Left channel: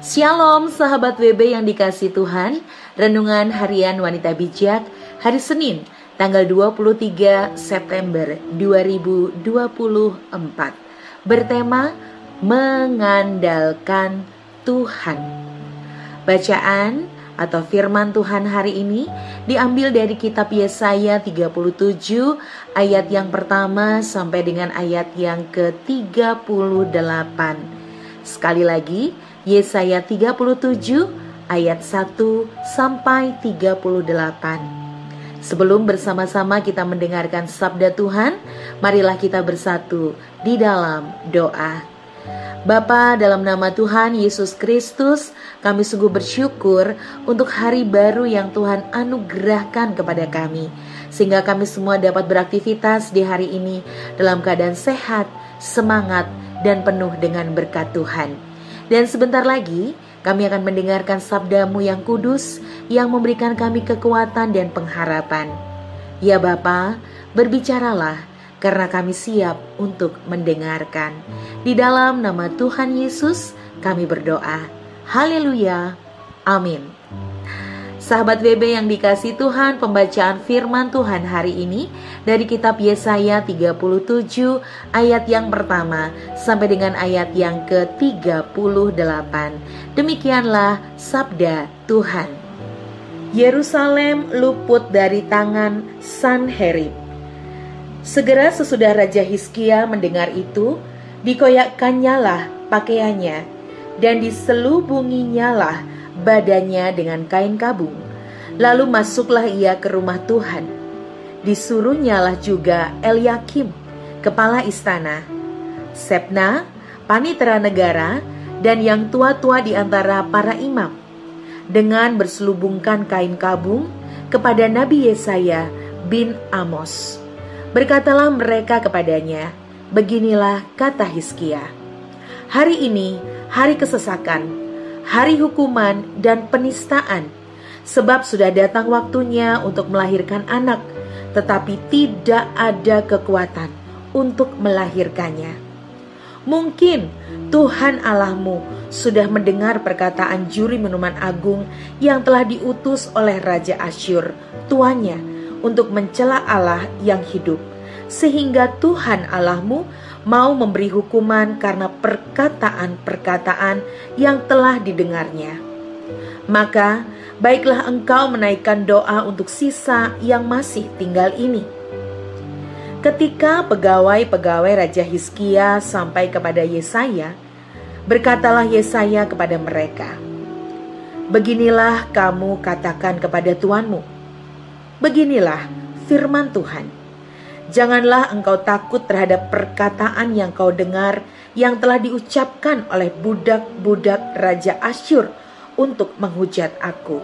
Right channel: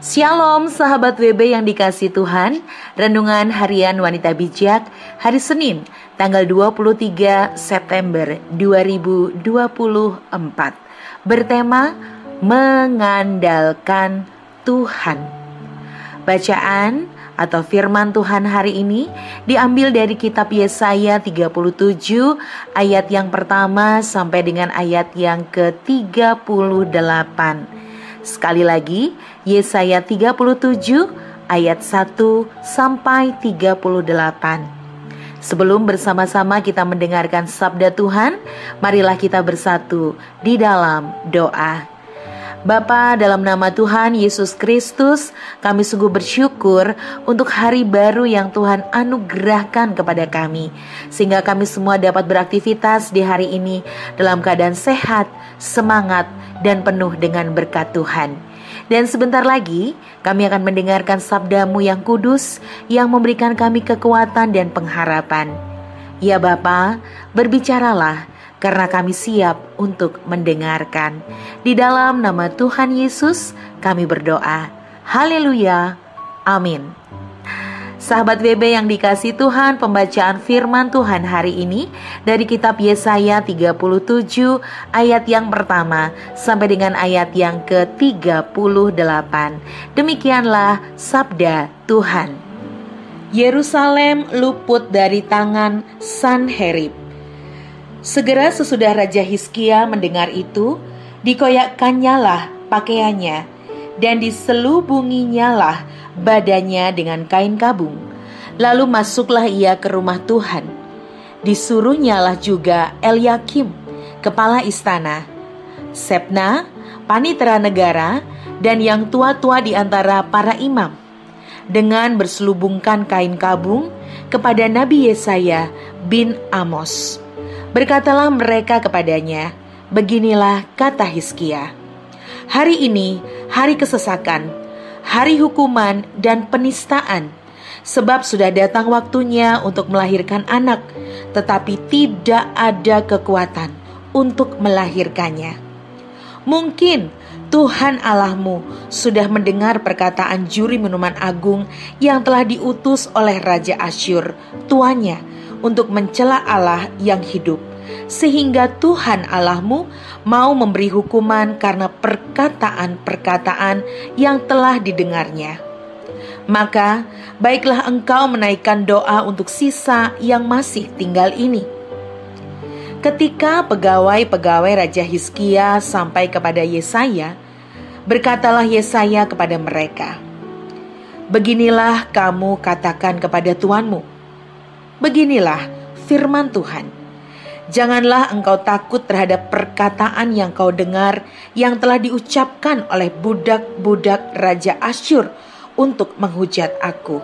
Shalom sahabat WB yang dikasihi Tuhan. Renungan Harian Wanita Bijak hari Senin tanggal 23 September 2024 bertema mengandalkan Tuhan. Bacaan atau firman Tuhan hari ini diambil dari kitab Yesaya 37 ayat yang pertama sampai dengan ayat yang ke-38. Sekali lagi, Yesaya 37 ayat 1 sampai 38. Sebelum bersama-sama kita mendengarkan sabda Tuhan, marilah kita bersatu di dalam doa. Bapa, dalam nama Tuhan Yesus Kristus, kami sungguh bersyukur untuk hari baru yang Tuhan anugerahkan kepada kami, sehingga kami semua dapat beraktivitas di hari ini dalam keadaan sehat, semangat, dan penuh dengan berkat Tuhan. Dan sebentar lagi kami akan mendengarkan sabda-Mu yang kudus yang memberikan kami kekuatan dan pengharapan. Ya Bapa, berbicaralah karena kami siap untuk mendengarkan. Di dalam nama Tuhan Yesus kami berdoa. Haleluya. Amin. Sahabat WB yang dikasihi Tuhan, pembacaan firman Tuhan hari ini dari kitab Yesaya 37 ayat yang pertama sampai dengan ayat yang ke-38. Demikianlah sabda Tuhan. Yerusalem luput dari tangan Sanherib. Segera sesudah Raja Hizkia mendengar itu, dikoyakkannyalah pakaiannya dan diselubunginyalah badannya dengan kain kabung. Lalu masuklah ia ke rumah Tuhan. Disuruhnyalah juga Elyakim, kepala istana, Sebna, panitera negara, dan yang tua-tua di antara para imam, dengan berselubungkan kain kabung kepada Nabi Yesaya bin Amos. Berkatalah mereka kepadanya, beginilah kata Hizkia, hari ini hari kesesakan, hari hukuman dan penistaan, sebab sudah datang waktunya untuk melahirkan anak, tetapi tidak ada kekuatan untuk melahirkannya. Mungkin Tuhan Allahmu sudah mendengar perkataan juri minuman agung yang telah diutus oleh Raja Asyur, tuannya, untuk mencela Allah yang hidup, sehingga Tuhan Allahmu mau memberi hukuman karena perkataan-perkataan yang telah didengarnya. Maka baiklah engkau menaikkan doa untuk sisa yang masih tinggal ini. Ketika pegawai-pegawai Raja Hizkia sampai kepada Yesaya, berkatalah Yesaya kepada mereka, beginilah kamu katakan kepada tuanmu, beginilah firman Tuhan. Janganlah engkau takut terhadap perkataan yang kau dengar yang telah diucapkan oleh budak-budak Raja Asyur untuk menghujat aku.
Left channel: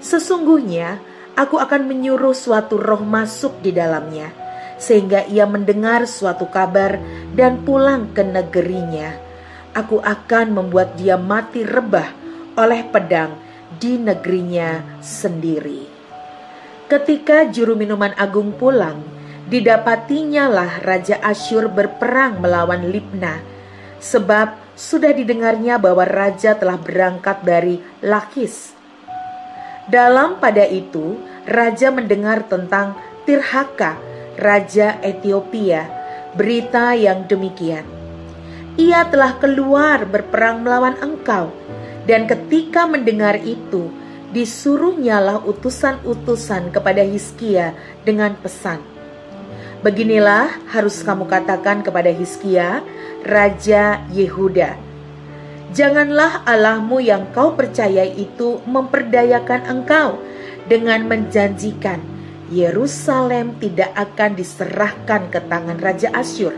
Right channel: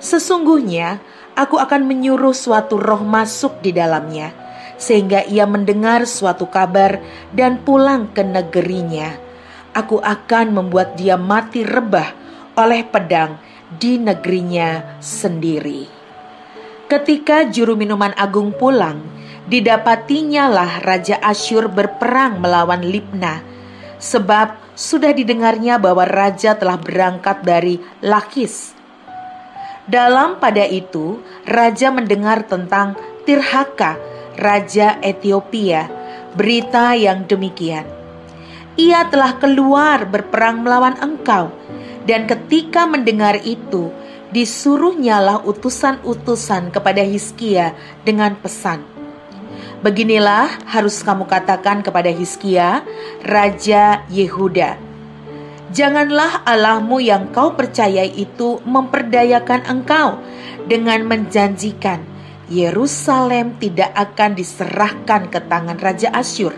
Sesungguhnya aku akan menyuruh suatu roh masuk di dalamnya, sehingga ia mendengar suatu kabar dan pulang ke negerinya. Aku akan membuat dia mati rebah oleh pedang di negerinya sendiri. Ketika juru minuman agung pulang, didapatinya Raja Asyur berperang melawan Libna, sebab sudah didengarnya bahwa raja telah berangkat dari Lakis. Dalam pada itu, raja mendengar tentang Tirhaka, raja Ethiopia, berita yang demikian. Ia telah keluar berperang melawan engkau, dan ketika mendengar itu, disuruhnyalah utusan-utusan kepada Hizkia dengan pesan, beginilah harus kamu katakan kepada Hizkia, Raja Yehuda, janganlah Allahmu yang kau percayai itu memperdayakan engkau dengan menjanjikan Yerusalem tidak akan diserahkan ke tangan Raja Asyur.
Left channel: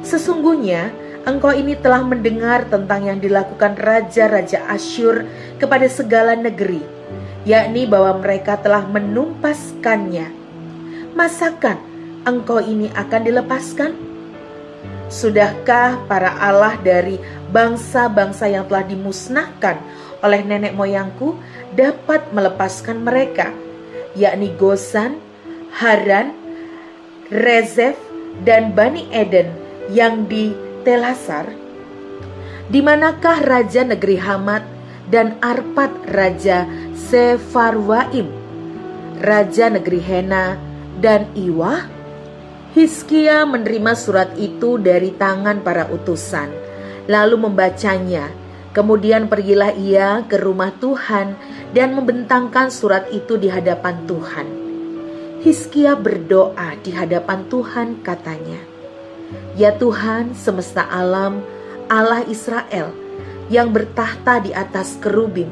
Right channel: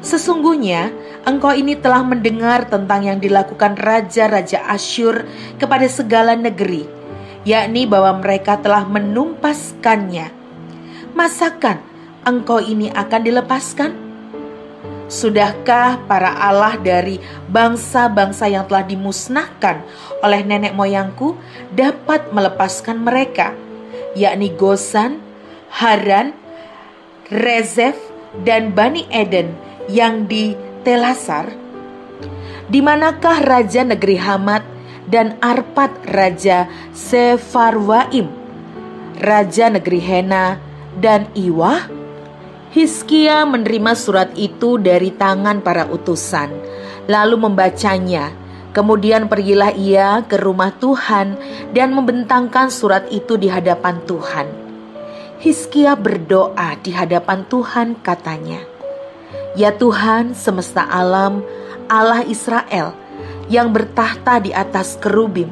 Sesungguhnya engkau ini telah mendengar tentang yang dilakukan Raja-Raja Asyur kepada segala negeri, yakni bahwa mereka telah menumpaskannya. Masakan engkau ini akan dilepaskan? Sudahkah para Allah dari bangsa-bangsa yang telah dimusnahkan oleh nenek moyangku dapat melepaskan mereka, yakni Gozan, Haran, Rezef, dan Bani Eden yang di Telasar? Di manakah raja negeri Hamat dan Arpad raja Sefarwaim, raja negeri Hena dan Iwah? Hizkia menerima surat itu dari tangan para utusan, lalu membacanya. Kemudian pergilah ia ke rumah Tuhan dan membentangkan surat itu di hadapan Tuhan. Hizkia berdoa di hadapan Tuhan, katanya, "Ya Tuhan semesta alam, Allah Israel yang bertahta di atas kerubim,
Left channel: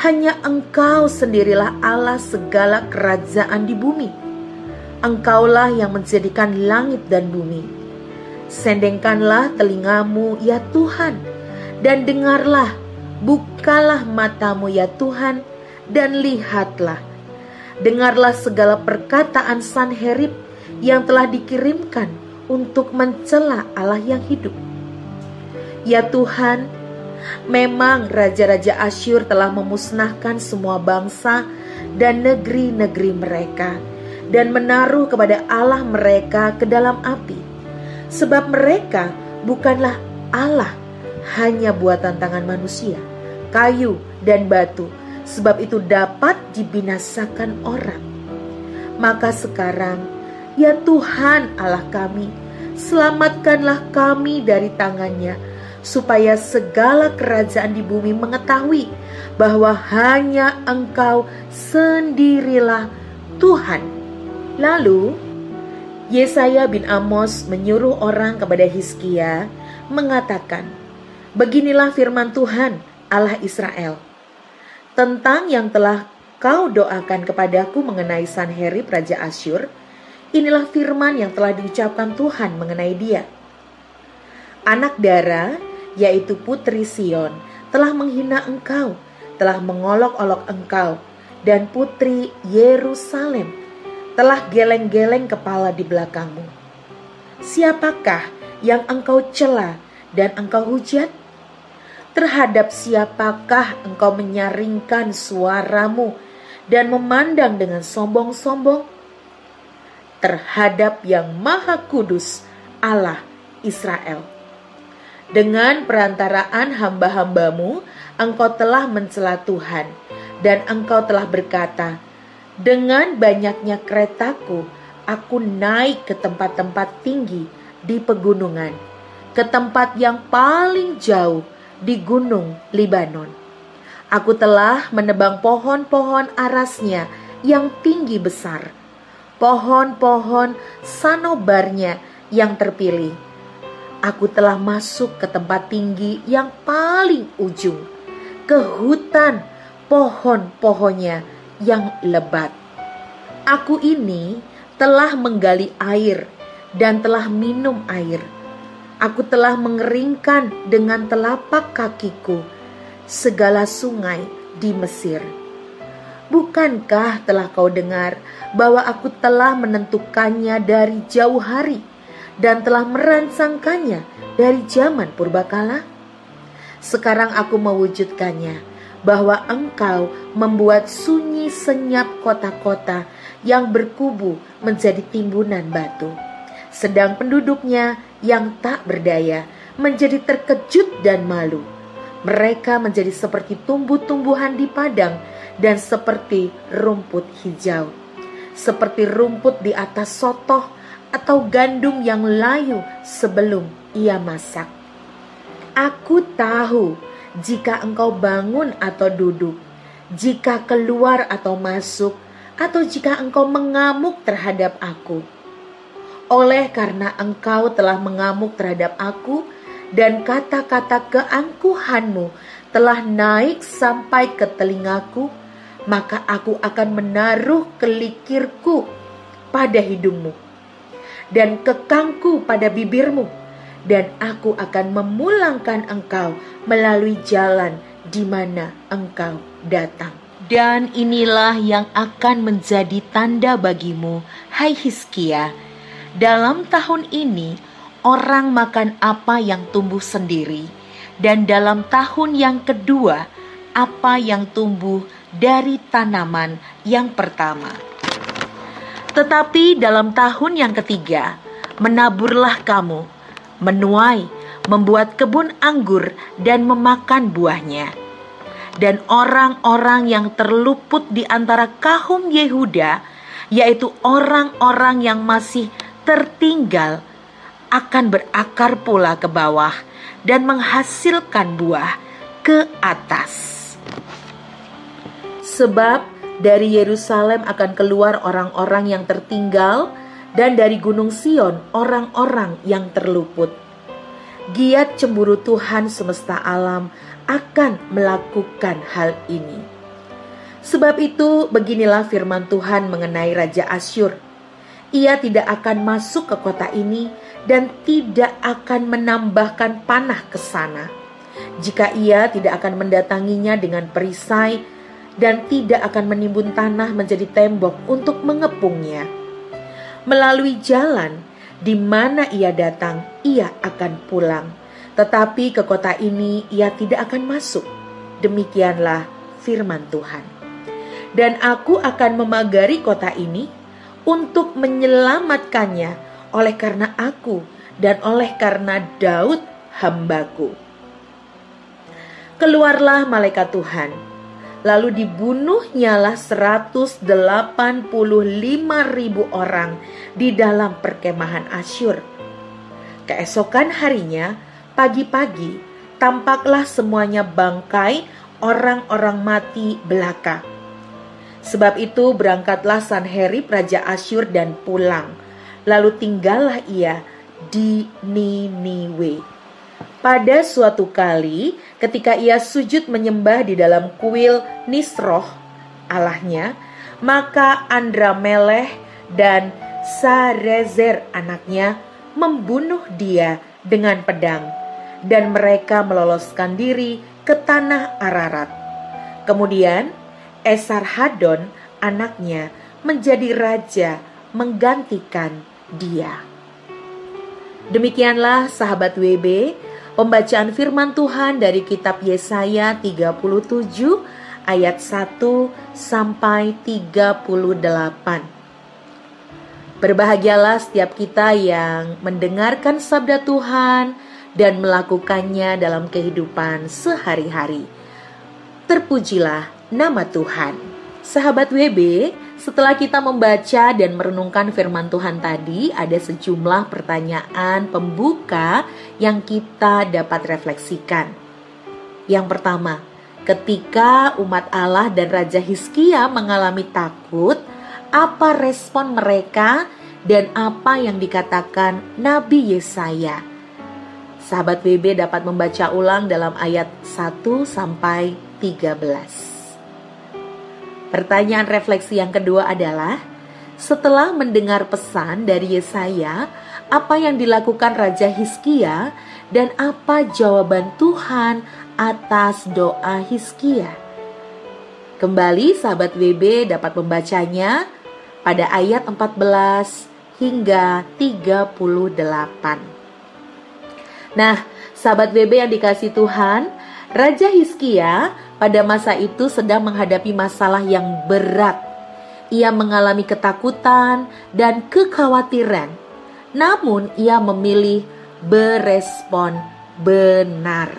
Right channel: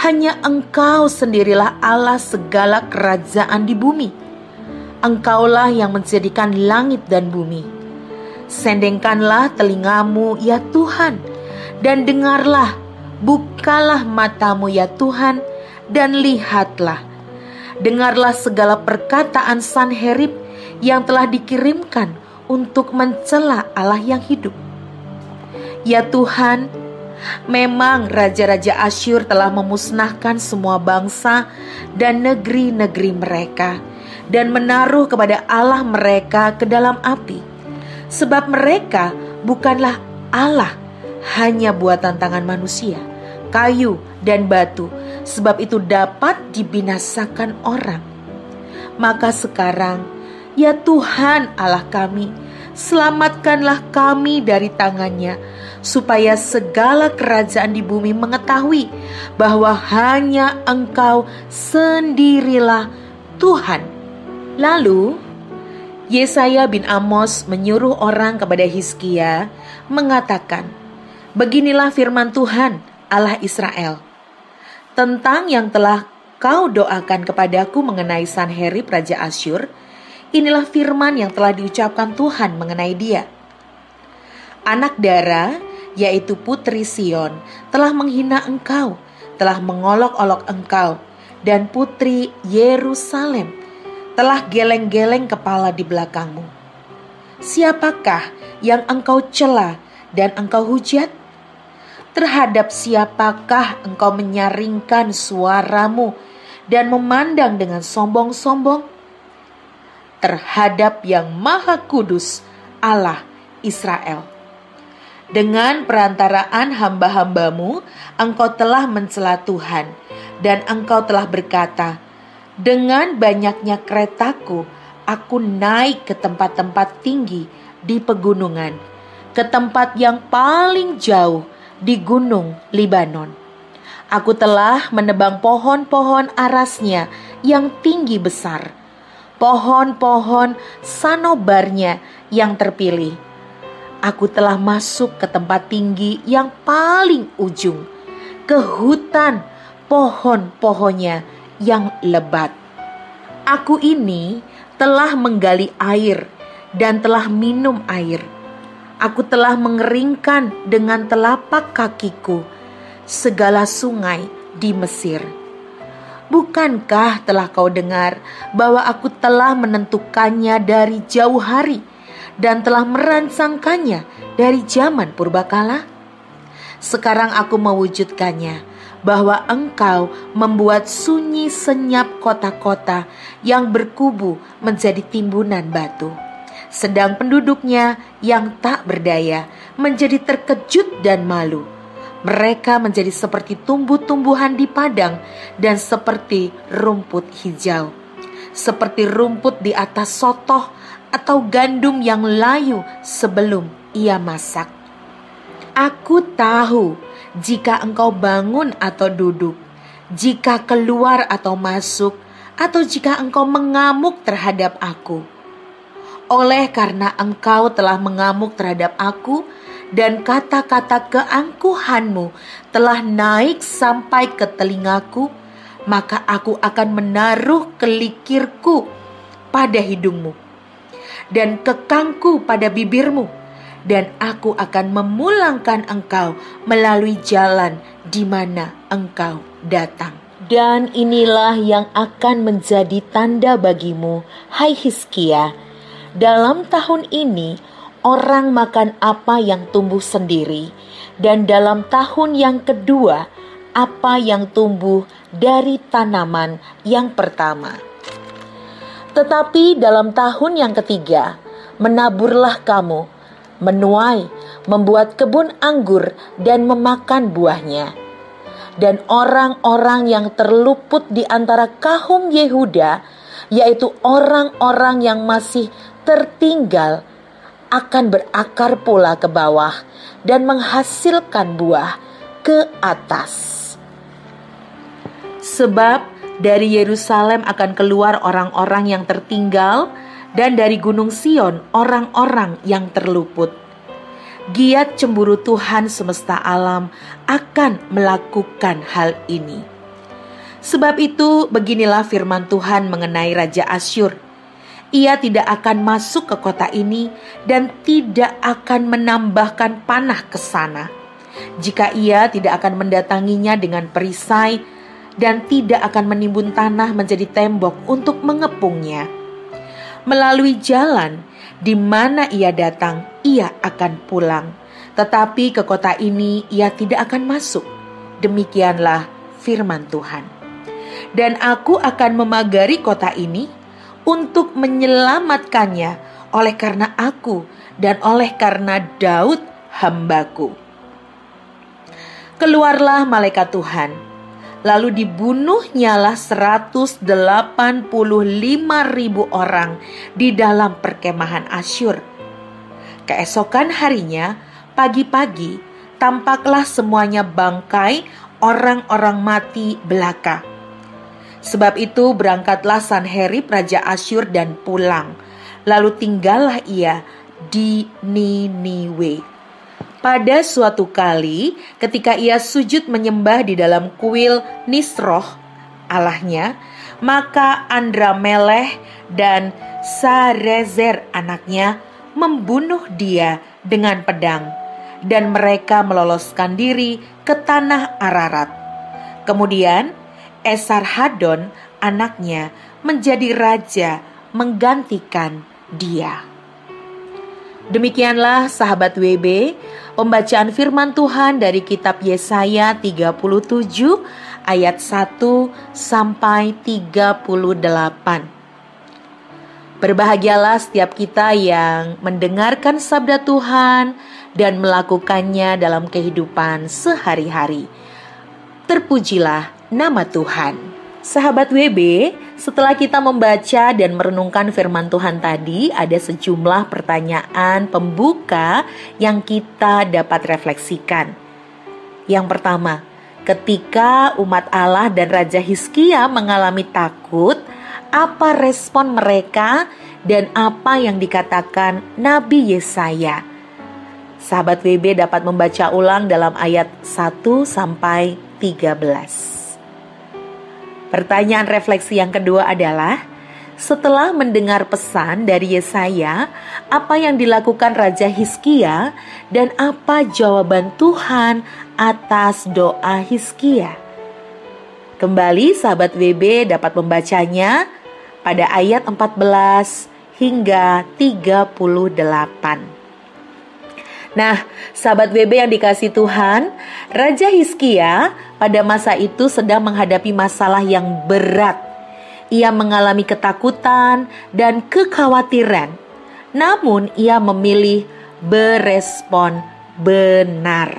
hanya Engkau sendirilah Allah segala kerajaan di bumi. Engkaulah yang menjadikan langit dan bumi. Sendengkanlah telingamu ya Tuhan, dan dengarlah, bukalah matamu ya Tuhan, dan lihatlah. Dengarlah segala perkataan Sanherib yang telah dikirimkan untuk mencela Allah yang hidup. Ya Tuhan, memang raja-raja Asyur telah memusnahkan semua bangsa dan negeri-negeri mereka, dan menaruh kepada Allah mereka ke dalam api. Sebab mereka bukanlah Allah, hanya buatan tangan manusia, kayu dan batu, sebab itu dapat dibinasakan orang. Maka sekarang, ya Tuhan Allah kami, selamatkanlah kami dari tangannya, supaya segala kerajaan di bumi mengetahui bahwa hanya Engkau sendirilah Tuhan." Lalu Yesaya bin Amos menyuruh orang kepada Hizkia, mengatakan, "Beginilah firman Tuhan Allah Israel tentang yang telah kau doakan kepadaku mengenai Sanherib raja Asyur. Inilah firman yang telah diucapkan Tuhan mengenai dia. Anak dara, yaitu putri Sion, telah menghina engkau, telah mengolok-olok engkau, dan putri Yerusalem telah geleng-geleng kepala di belakangmu. Siapakah yang engkau cela dan engkau hujat? Terhadap siapakah engkau menyaringkan suaramu dan memandang dengan sombong-sombong? Terhadap yang Maha Kudus, Allah Israel. Dengan perantaraan hamba-hambamu, engkau telah mencela Tuhan, dan engkau telah berkata, dengan banyaknya keretaku, aku naik ke tempat-tempat tinggi di pegunungan, ke tempat yang paling jauh di gunung Libanon. Aku telah menebang pohon-pohon arasnya yang tinggi besar, pohon-pohon sanobarnya yang terpilih. Aku telah masuk ke tempat tinggi yang paling ujung, ke hutan pohon-pohonnya yang lebat. Aku ini telah menggali air dan telah minum air. Aku telah mengeringkan dengan telapak kakiku segala sungai di Mesir. Bukankah telah kau dengar bahwa aku telah menentukannya dari jauh hari dan telah merancangkannya dari zaman purbakala? Sekarang aku mewujudkannya, bahwa engkau membuat sunyi senyap kota-kota yang berkubu menjadi timbunan batu. Sedang penduduknya yang tak berdaya menjadi terkejut dan malu. Mereka menjadi seperti tumbuh-tumbuhan di padang dan seperti rumput hijau, seperti rumput di atas sotoh atau gandum yang layu sebelum ia masak. Aku tahu jika engkau bangun atau duduk, jika keluar atau masuk, atau jika engkau mengamuk terhadap aku. Oleh karena engkau telah mengamuk terhadap aku, dan kata-kata keangkuhanmu telah naik sampai ke telingaku, maka aku akan menaruh kelikirku pada hidungmu dan kekangku pada bibirmu, dan aku akan memulangkan engkau melalui jalan di mana engkau datang. Dan inilah yang akan menjadi tanda bagimu, hai Hizkia. Dalam tahun ini orang makan apa yang tumbuh sendiri, dan dalam tahun yang kedua apa yang tumbuh dari tanaman yang pertama. Tetapi dalam tahun yang ketiga menaburlah kamu, menuai, membuat kebun anggur dan memakan buahnya. Dan orang-orang yang terluput di antara kaum Yehuda, yaitu orang-orang yang masih tertinggal, akan berakar pula ke bawah dan menghasilkan buah ke atas. Sebab dari Yerusalem akan keluar orang-orang yang tertinggal, dan dari Gunung Sion orang-orang yang terluput. Giat cemburu Tuhan semesta alam akan melakukan hal ini. Sebab itu beginilah firman Tuhan mengenai Raja Asyur. Ia tidak akan masuk ke kota ini dan tidak akan menambahkan panah ke sana, jika ia tidak akan mendatanginya dengan perisai dan tidak akan menimbun tanah menjadi tembok untuk mengepungnya. Melalui jalan di mana ia datang, ia akan pulang, tetapi ke kota ini ia tidak akan masuk. Demikianlah firman Tuhan. Dan aku akan memagari kota ini untuk menyelamatkannya oleh karena aku dan oleh karena Daud hambaku. Keluarlah malaikat Tuhan, lalu dibunuhnyalah 185.000 orang di dalam perkemahan Asyur. Keesokan harinya, pagi-pagi, tampaklah semuanya bangkai orang-orang mati belaka. Sebab itu berangkatlah Sanherib Raja Asyur dan pulang, lalu tinggallah ia di Niniwe. Pada suatu kali ketika ia sujud menyembah di dalam kuil Nisroh allahnya, maka Andramelech dan Sarezer anaknya membunuh dia dengan pedang, dan mereka meloloskan diri ke tanah Ararat. Kemudian Esarhadon anaknya menjadi raja menggantikan dia. Demikianlah sahabat WB, pembacaan firman Tuhan dari kitab Yesaya 37 ayat 1 sampai 38. Berbahagialah setiap kita yang mendengarkan sabda Tuhan dan melakukannya dalam kehidupan sehari-hari. Terpujilah nama Tuhan. Sahabat WB, setelah kita membaca dan merenungkan firman Tuhan tadi, ada sejumlah pertanyaan pembuka yang kita dapat refleksikan. Yang pertama, ketika umat Allah dan Raja Hizkia mengalami takut, apa respon mereka dan apa yang dikatakan Nabi Yesaya? Sahabat WB dapat membaca ulang dalam ayat 1 sampai 13. Pertanyaan refleksi yang kedua adalah, setelah mendengar pesan dari Yesaya, apa yang dilakukan Raja Hizkia dan apa jawaban Tuhan atas doa Hizkia? Kembali sahabat WB dapat membacanya pada ayat 14 hingga 38. Nah, sahabat WB yang dikasihi Tuhan, Raja Hizkia pada masa itu sedang menghadapi masalah yang berat. Ia mengalami ketakutan dan kekhawatiran. Namun ia memilih berespon benar.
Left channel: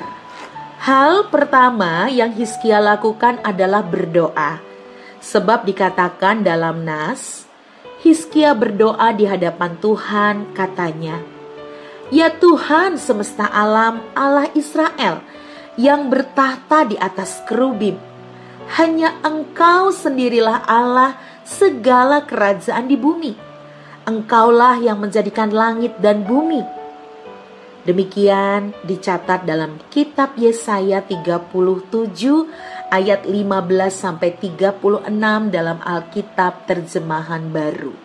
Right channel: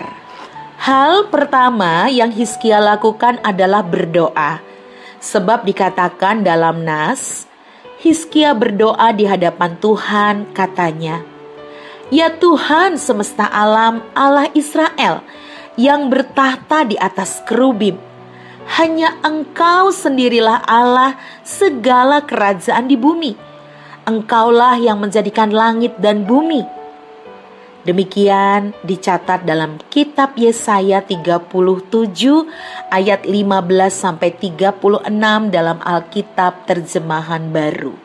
Hal pertama yang Hizkia lakukan adalah berdoa. Sebab dikatakan dalam Nas, Hizkia berdoa di hadapan Tuhan, katanya, "Ya Tuhan semesta alam, Allah Israel, yang bertahta di atas kerubim, hanya Engkau sendirilah Allah segala kerajaan di bumi. Engkaulah yang menjadikan langit dan bumi." Demikian dicatat dalam kitab Yesaya 37 ayat 15 sampai 36 dalam Alkitab Terjemahan Baru.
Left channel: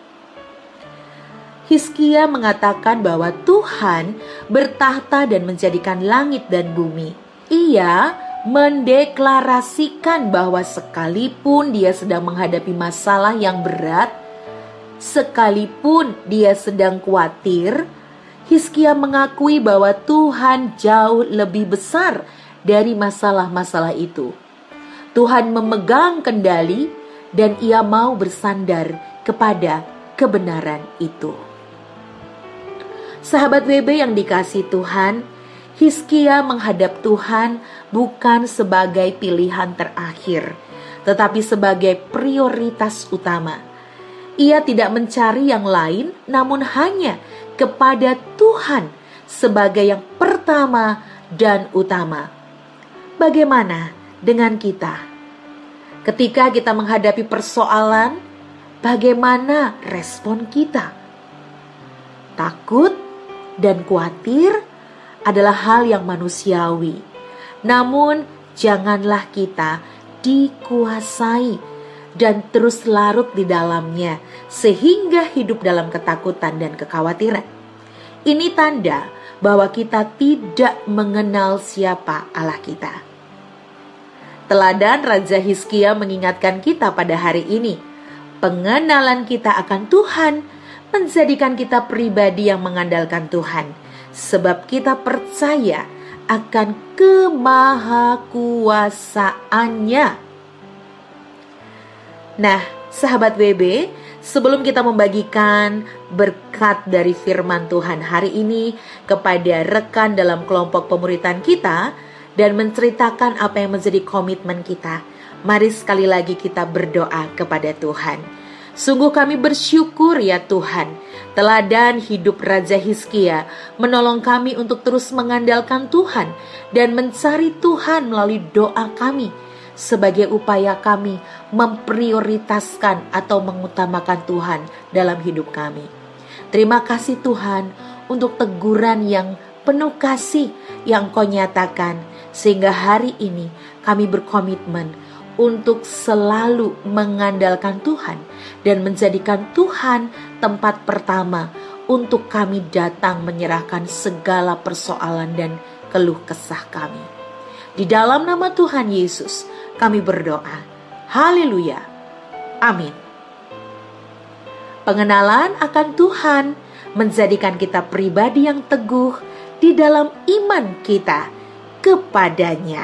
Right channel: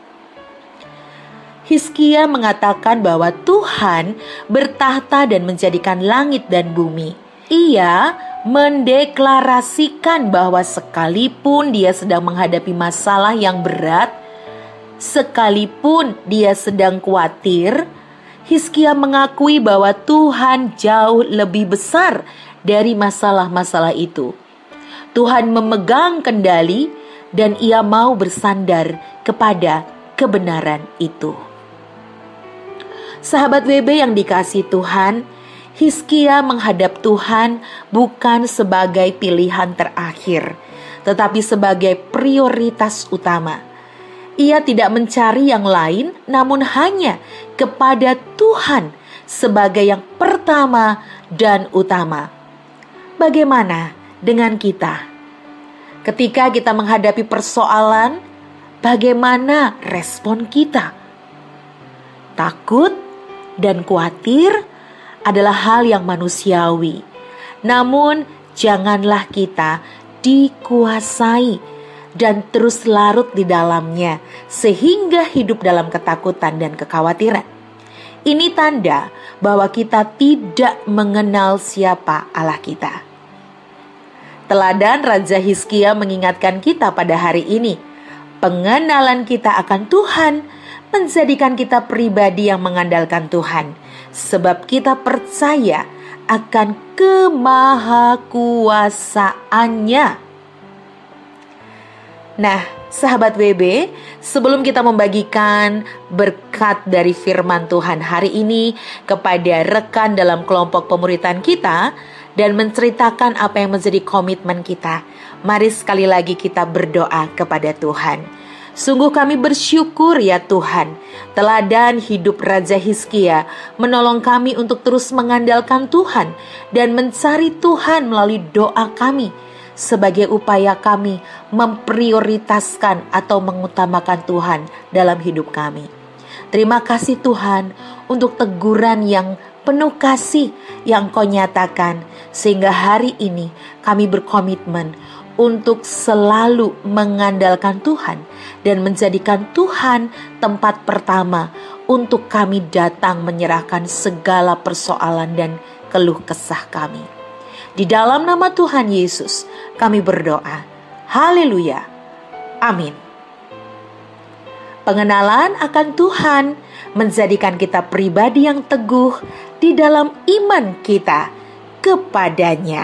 Hizkia mengatakan bahwa Tuhan bertahta dan menjadikan langit dan bumi. Ia mendeklarasikan bahwa sekalipun dia sedang menghadapi masalah yang berat, sekalipun dia sedang khawatir, Hizkia mengakui bahwa Tuhan jauh lebih besar dari masalah-masalah itu. Tuhan memegang kendali dan ia mau bersandar kepada kebenaran itu. Sahabat WB yang dikasihi Tuhan, Hizkia menghadap Tuhan bukan sebagai pilihan terakhir, tetapi sebagai prioritas utama. Ia tidak mencari yang lain, namun hanya kepada Tuhan sebagai yang pertama dan utama. Bagaimana dengan kita? Ketika kita menghadapi persoalan, bagaimana respon kita? Takut dan khawatir adalah hal yang manusiawi. Namun, janganlah kita dikuasai dan terus larut di dalamnya sehingga hidup dalam ketakutan dan kekhawatiran. Ini tanda bahwa kita tidak mengenal siapa Allah kita. Teladan Raja Hizkia mengingatkan kita pada hari ini, pengenalan kita akan Tuhan menjadikan kita pribadi yang mengandalkan Tuhan, sebab kita percaya akan kemahakuasaannya. Nah, sahabat WB, sebelum kita membagikan berkat dari firman Tuhan hari ini kepada rekan dalam kelompok pemuritan kita dan menceritakan apa yang menjadi komitmen kita, mari sekali lagi kita berdoa kepada Tuhan. Sungguh kami bersyukur ya Tuhan, teladan hidup Raja Hizkia menolong kami untuk terus mengandalkan Tuhan dan mencari Tuhan melalui doa kami sebagai upaya kami memprioritaskan atau mengutamakan Tuhan dalam hidup kami. Terima kasih Tuhan untuk teguran yang penuh kasih yang Kau nyatakan, sehingga hari ini kami berkomitmen untuk selalu mengandalkan Tuhan dan menjadikan Tuhan tempat pertama untuk kami datang menyerahkan segala persoalan dan keluh kesah kami. Di dalam nama Tuhan Yesus kami berdoa. Haleluya. Amin. Pengenalan akan Tuhan menjadikan kita pribadi yang teguh di dalam iman kita kepadanya.